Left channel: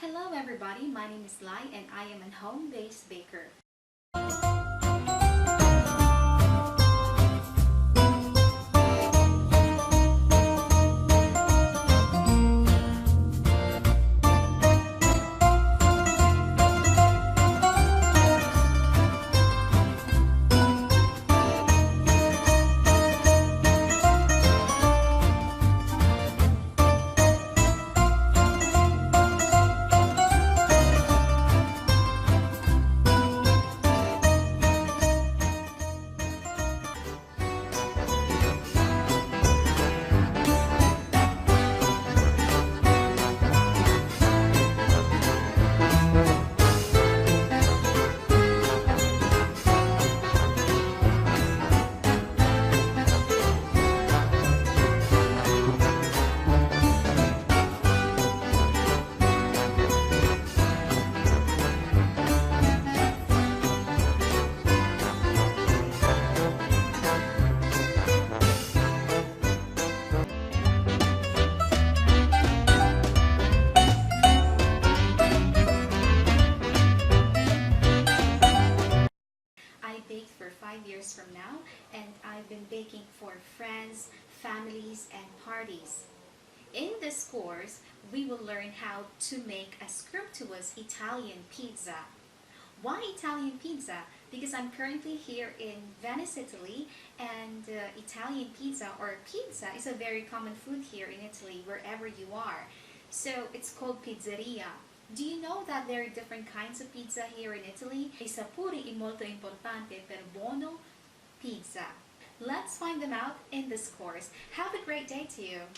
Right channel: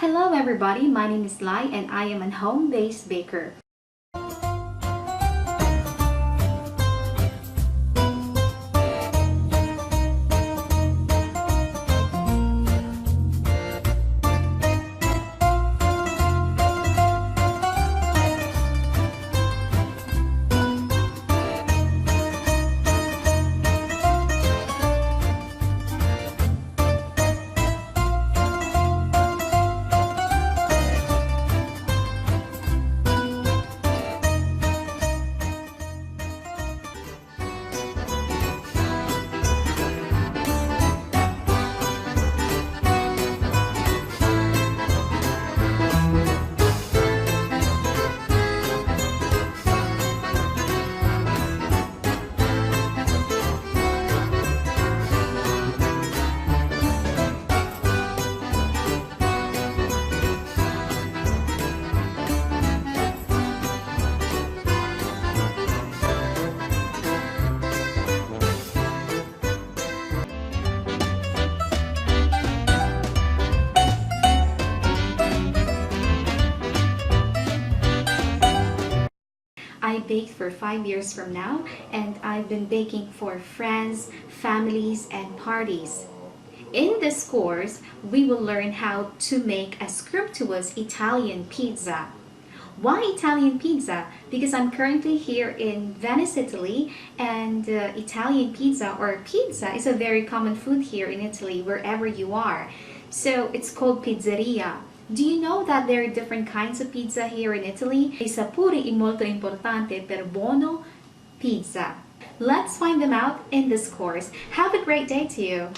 Hello everybody, my name is Lai and I am a home-based baker. I baked for 5 years from now, and I've been baking for friends, families, and parties. In this course, we will learn how to make a scrumptious Italian pizza. Why Italian pizza? Because I'm currently here in Venice, Italy, and Italian pizza or pizza is a very common food here in Italy, wherever you are. So it's called pizzeria. Do you know that there are different kinds of pizza here in Italy? I sapori molto importante per buono pizza. Let's find them out in this course. Have a great day to you!